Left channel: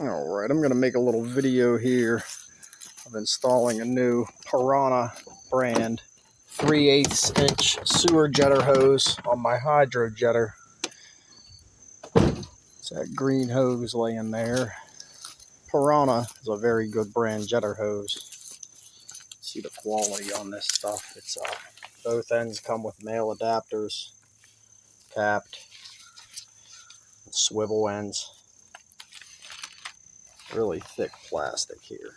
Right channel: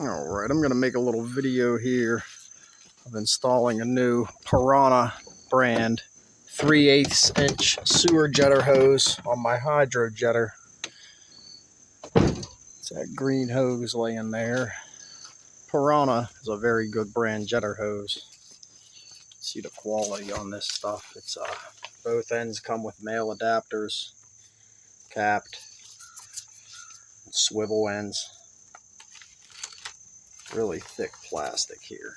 Alright, I'm going to make a little video here of installing a new Piranha brand 3/8 inch sewer jetter hose on my Hydrojetter. It's that green hose laying there. Piranha is a very good brand jetter hose. See the quality on this stuff. It's both ends come with male adapters, capped, and swivel ends. Really thick plastic here.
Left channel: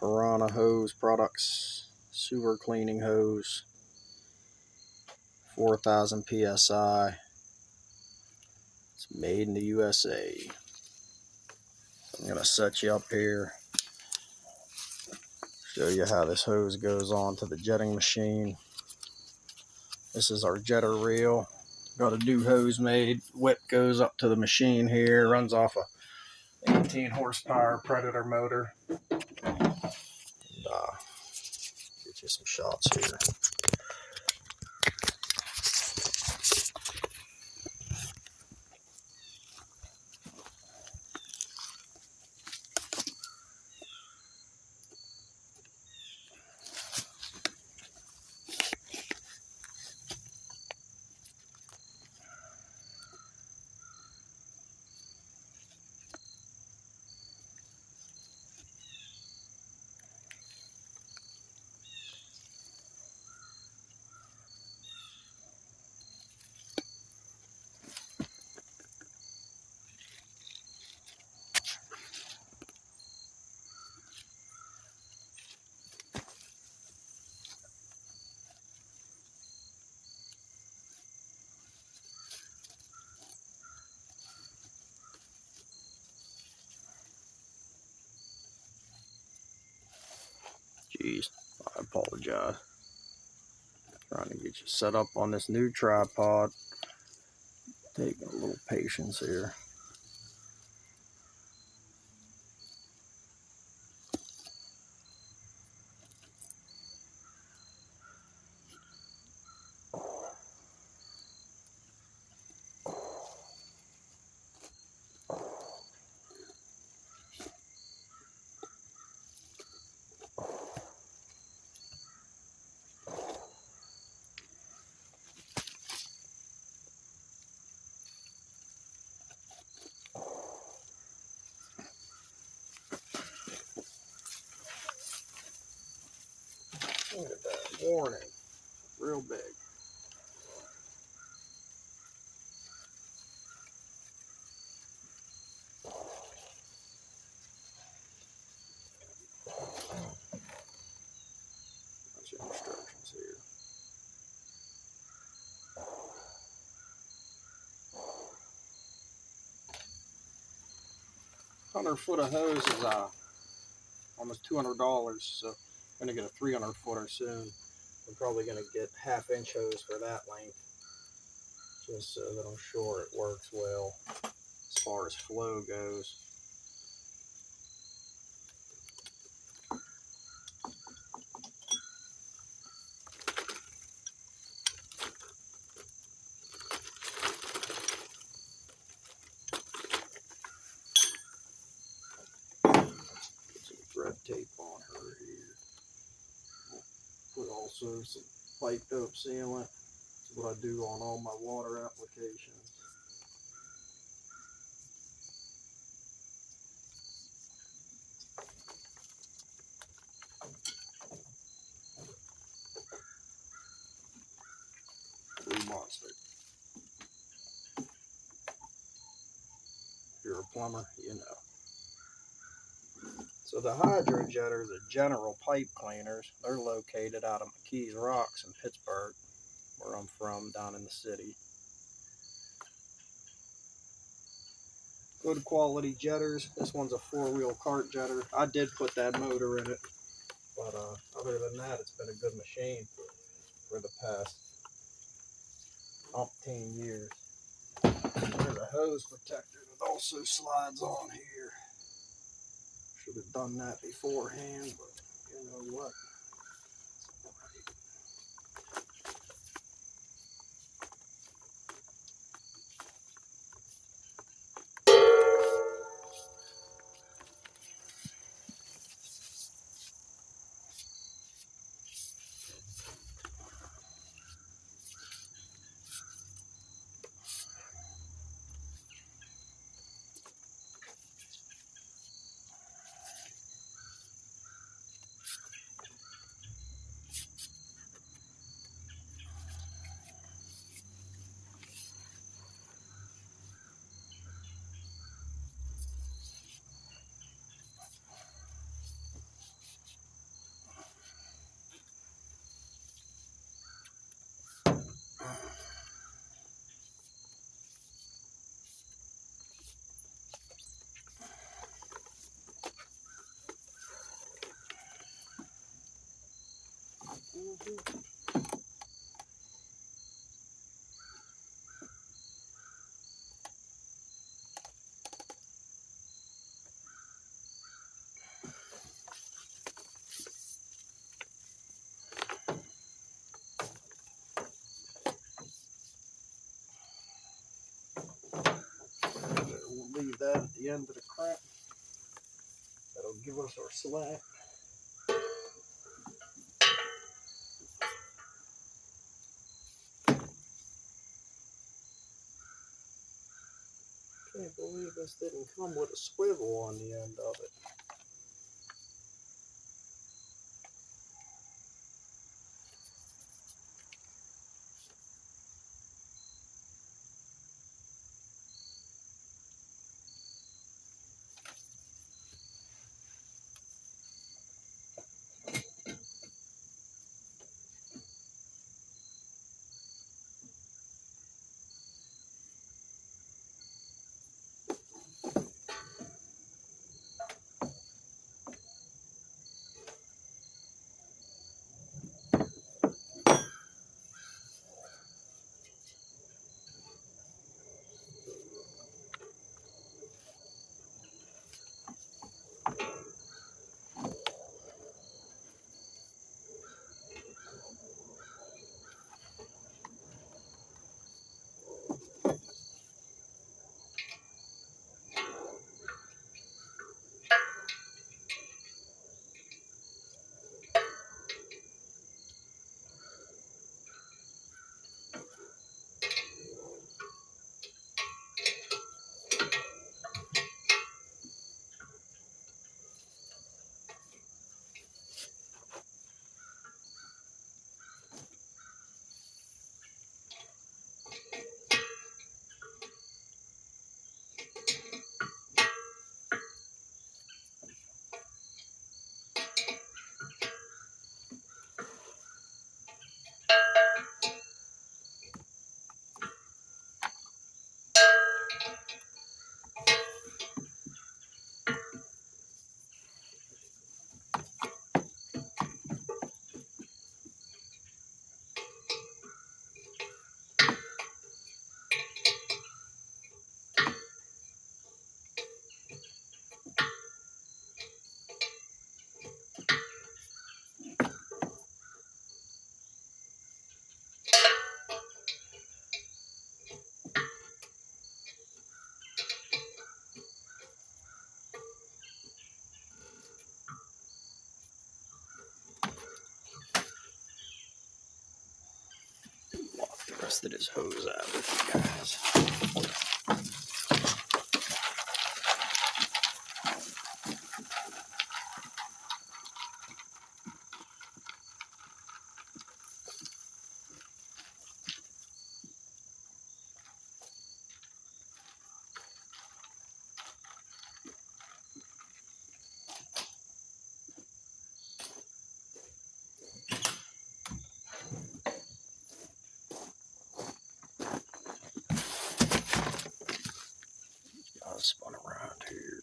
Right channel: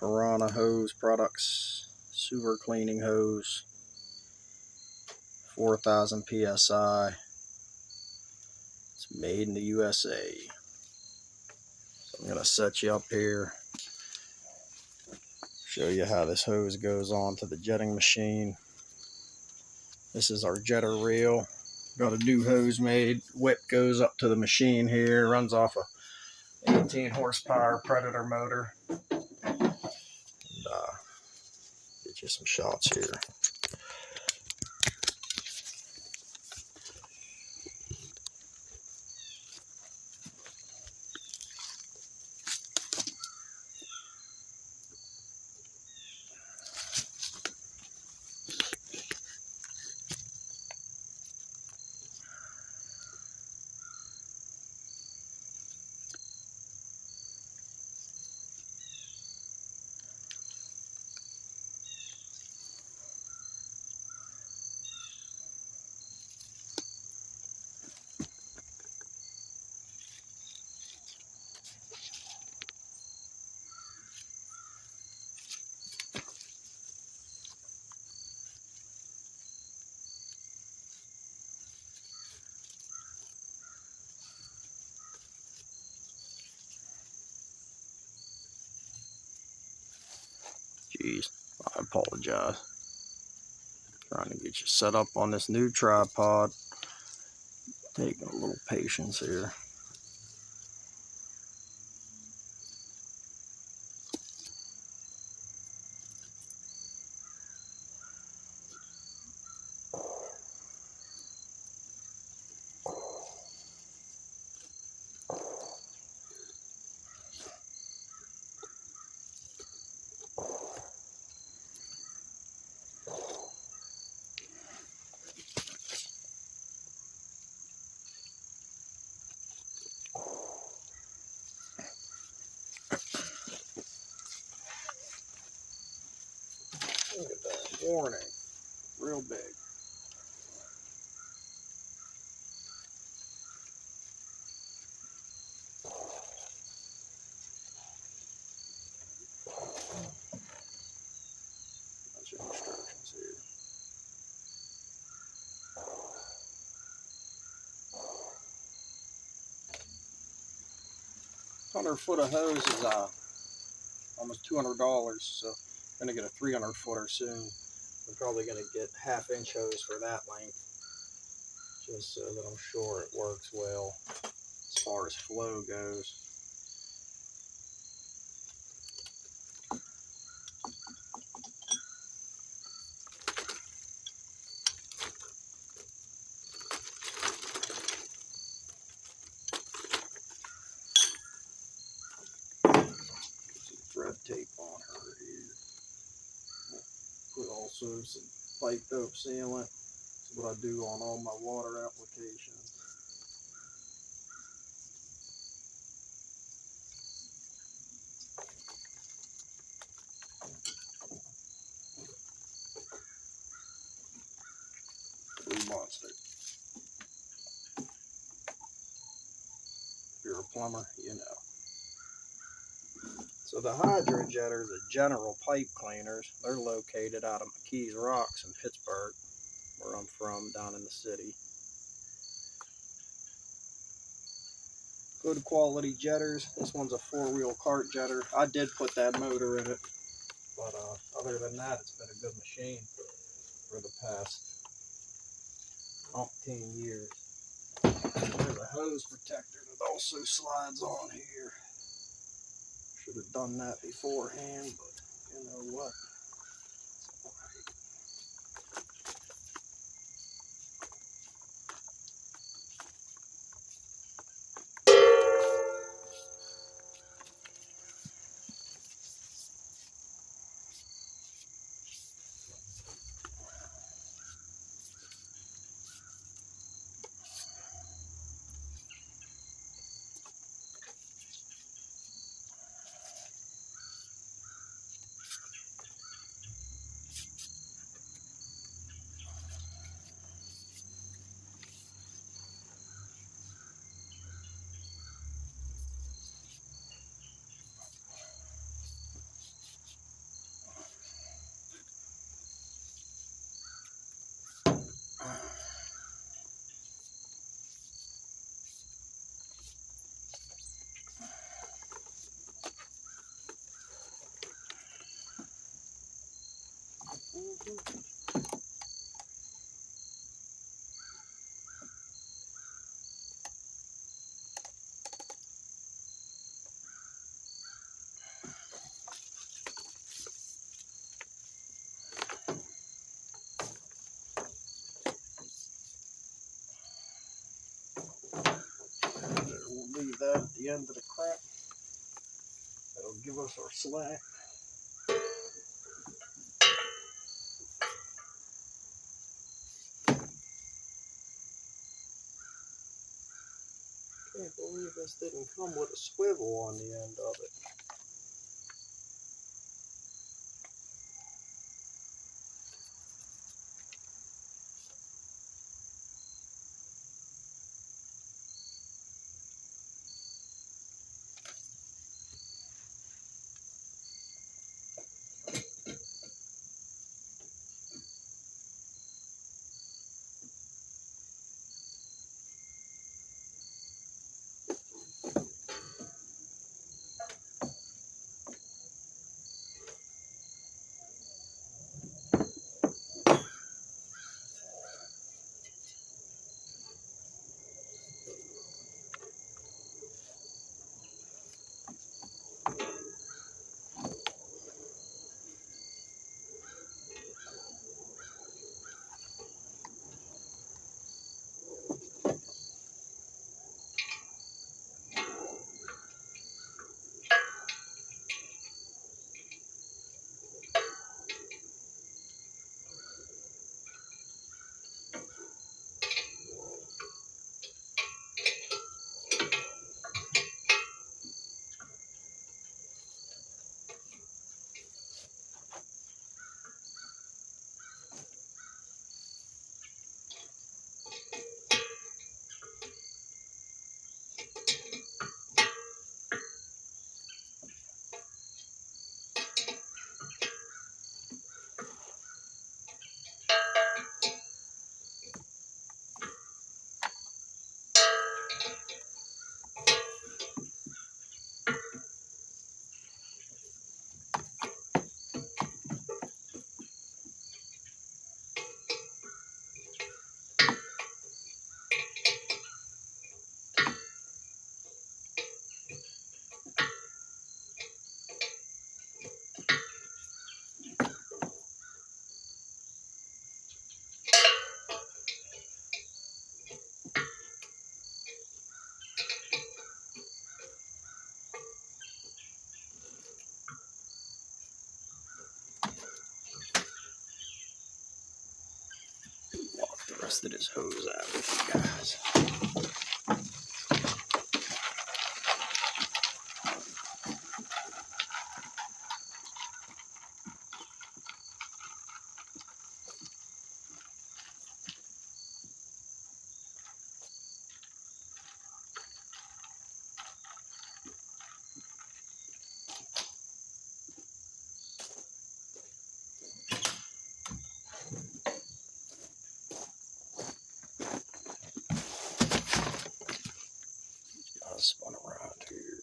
Piranha hose products, sewer cleaning hose, 4,000 psi. It's made in the USA. So I'm going to set you up here, show you how this hose goes on to the jetting machine. This is our jetter reel. Got a new hose made. Whip goes up to the machine here, runs off a 18 horsepower Predator motor. And, get you some shots here. Jeez, I apologize. Trying to get you set up on this new tripod. Taking a little patience here. Look at that warning, real big. Bunch of instructions here. 100-foot of hose is almost $200, so I'm gonna get a 300-footer soon. I'm probably gonna get half-inch hose for that length, just so that I'm sure it works well as far as flow goes. Thread tape on her here. Put also some pipe dope sealant. That's what I do on all my water applications. Blue Monster. If you're a plumber, you know. So the Hydrojetters are general pipe cleaners. They're located out of McKees Rocks in Pittsburgh, where I'm from, down in the city. Good quality jetters. This one's a 4-wheel cart jetter. I did put that motor in it, but other than that, it's been a good machine for the past umpteen years. There's a hose protector that also slides on here. Should have done that beforehand, but you know what? We'll leave that at the end of the crap. That'll give us our slack. Can't believe this didn't come with a swivel on the end of it. Walk the rest of this hose out with you guys. I'll spun around here.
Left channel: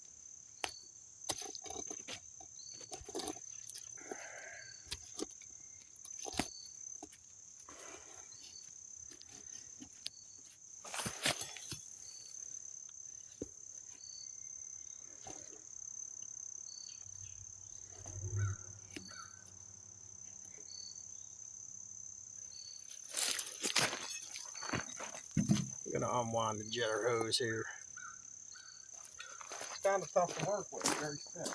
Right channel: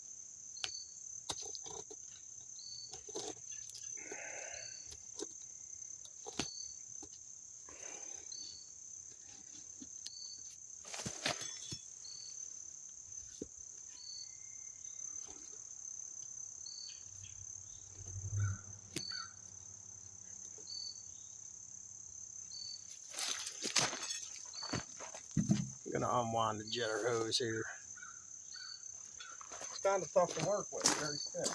I'm gonna unwind the jetter hose here. It's kind of tough to work with, very thick.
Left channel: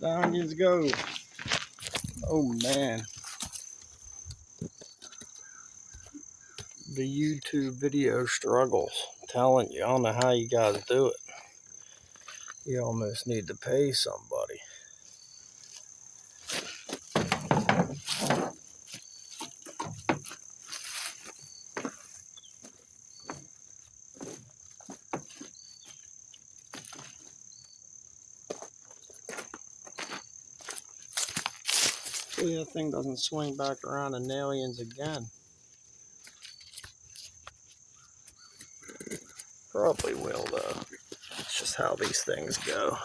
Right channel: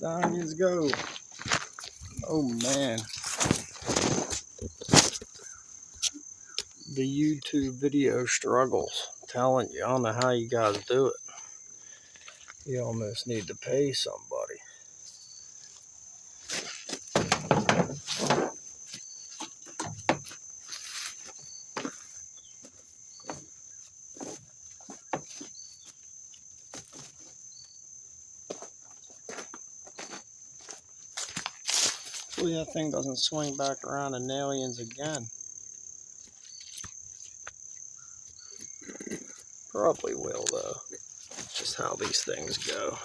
Down you go. Oh man. The YouTube video struggles. I'm telling you, I don't know how you guys do it. You almost need to pay somebody. Hopefully that thing doesn't swing back around in aliens again. Probably will though. It's just how these things go.